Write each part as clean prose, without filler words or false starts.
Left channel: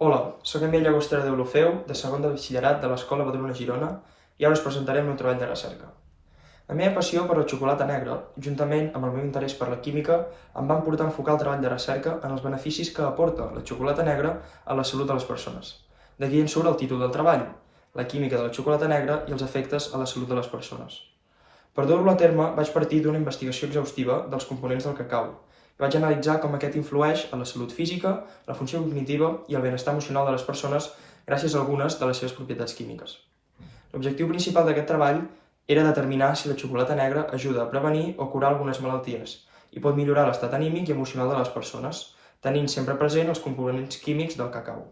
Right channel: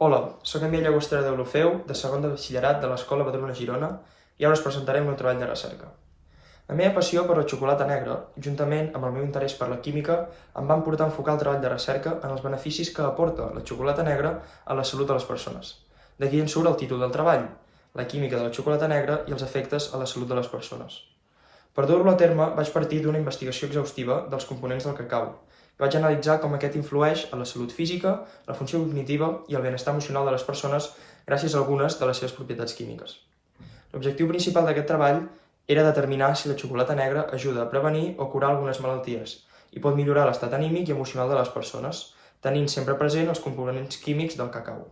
Hola, soc Emili Llagostera d'Olofeu, de segon de batxillerat de l'Escola Badruna Girona, i ara us presentaré el meu treball de recerca. La meva passió per la xocolata negra, juntament amb el meu interès per la química, em van portar a enfocar el treball de recerca en els beneficis que aporta la xocolata negra a la salut de les persones. D'aquí en surt el títol del treball, la química de la xocolata negra i els efectes a la salut de les persones. Per dur-lo a terme, vaig partir d'una investigació exhaustiva dels components del cacau, i vaig analitzar com aquest influeix en la salut física, la funció cognitiva i el benestar emocional de les persones gràcies a algunes de les seves propietats químiques. L'objectiu principal d'aquest treball era determinar si la xocolata negra ajuda a prevenir o curar algunes malalties i pot millorar l'estat anímic i emocional de les persones, tenint sempre present els components químics del cacau.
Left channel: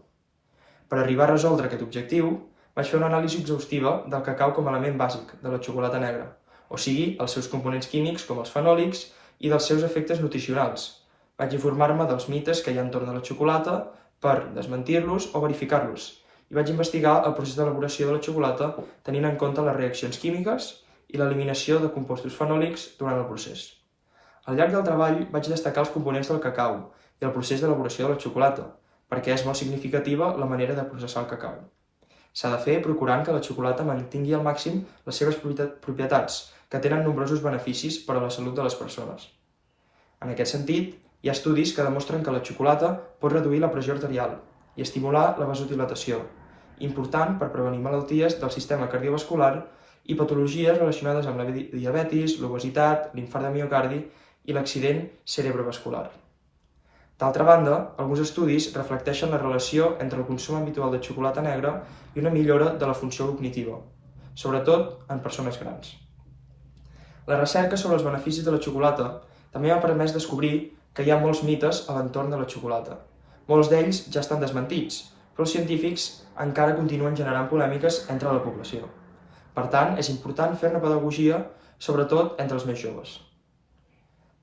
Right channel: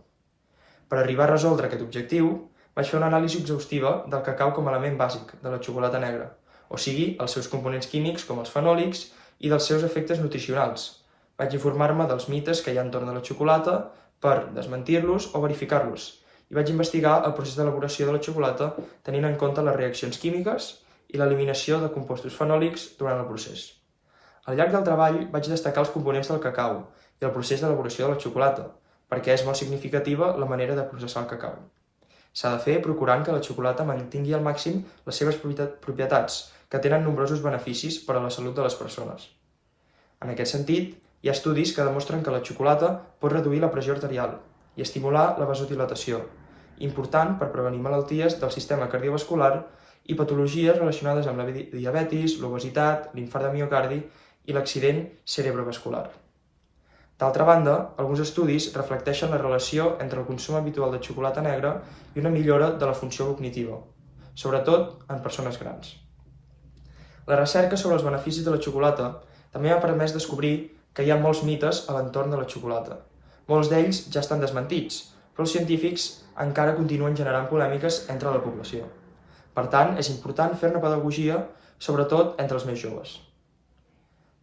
Per arribar a resoldre aquest objectiu, vaig fer una anàlisi exhaustiva del cacau com a element bàsic de la xocolata negra, o sigui, els seus components químics com els fenòlics i dels seus efectes nutricionals. Vaig informar-me dels mites que hi ha entorn de la xocolata per desmentir-los o verificar-los, i vaig investigar el procés d'elaboració de la xocolata tenint en compte les reaccions químiques i l'eliminació de compostos fenòlics durant el procés. Al llarg del treball vaig destacar els components del cacau i el procés d'elaboració de la xocolata, perquè és molt significativa la manera de processar el cacau. S'ha de fer procurant que la xocolata mantingui al màxim les seves propietats, que tenen nombrosos beneficis per a la salut de les persones. En aquest sentit, hi ha estudis que demostren que la xocolata pot reduir la pressió arterial i estimular la vasodilatació, important per prevenir malalties del sistema cardiovascular i patologies relacionades amb la diabetis, l'obesitat, l'infart de miocardi i l'accident cerebrovascular. D'altra banda, alguns estudis reflecteixen la relació entre el consum habitual de xocolata negra i una millora de la funció cognitiva, sobretot en persones grans. La recerca sobre els beneficis de la xocolata també m'ha permès descobrir que hi ha molts mites a l'entorn de la xocolata. Molts d'ells ja estan desmentits, però els científics encara continuen generant polèmiques entre la població. Per tant, és important fer-ne pedagogia, sobretot entre els més joves.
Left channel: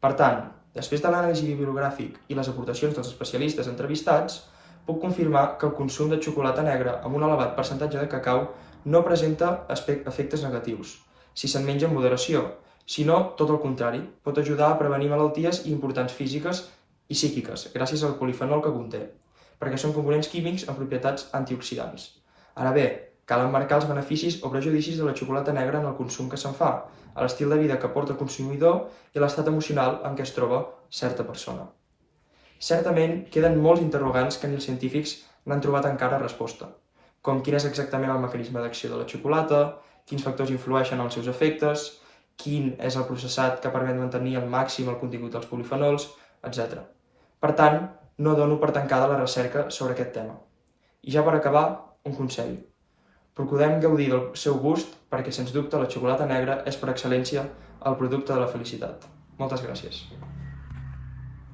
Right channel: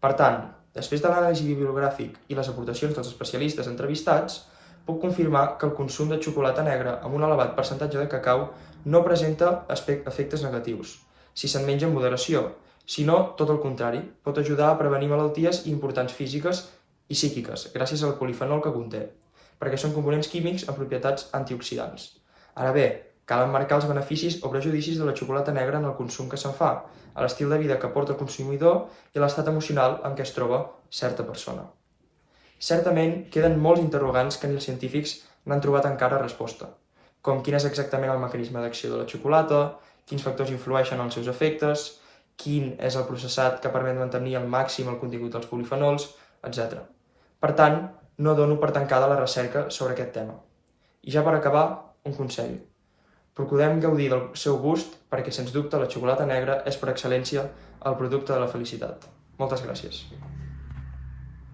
Per tant, després de l'anàlisi bibliogràfic i les aportacions dels especialistes entrevistats, puc confirmar que el consum de xocolata negra amb un elevat percentatge de cacau no presenta efectes negatius, si se'n menja en moderació, sinó, tot el contrari, pot ajudar a prevenir malalties importants físiques i psíquiques, gràcies al polifenol que conté, perquè són components químics amb propietats antioxidants. Ara bé, cal emmarcar els beneficis o prejudicis de la xocolata negra en el consum que se'n fa, a l'estil de vida que porta el consumidor i a l'estat emocional en què es troba certa persona. Certament, queden molts interrogants que ni els científics n'han trobat encara resposta, com quin és exactament el mecanisme d'acció de la xocolata, quins factors influeixen en els seus efectes, quin és el processat que permet mantenir al màxim el contingut dels polifenols, etc. Per tant, no dono per tancada la recerca sobre aquest tema. I ja per acabar, un consell. Procurem gaudir del seu gust perquè, sens dubte, la xocolata negra és per excel·lència el producte de la felicitat. Moltes gràcies.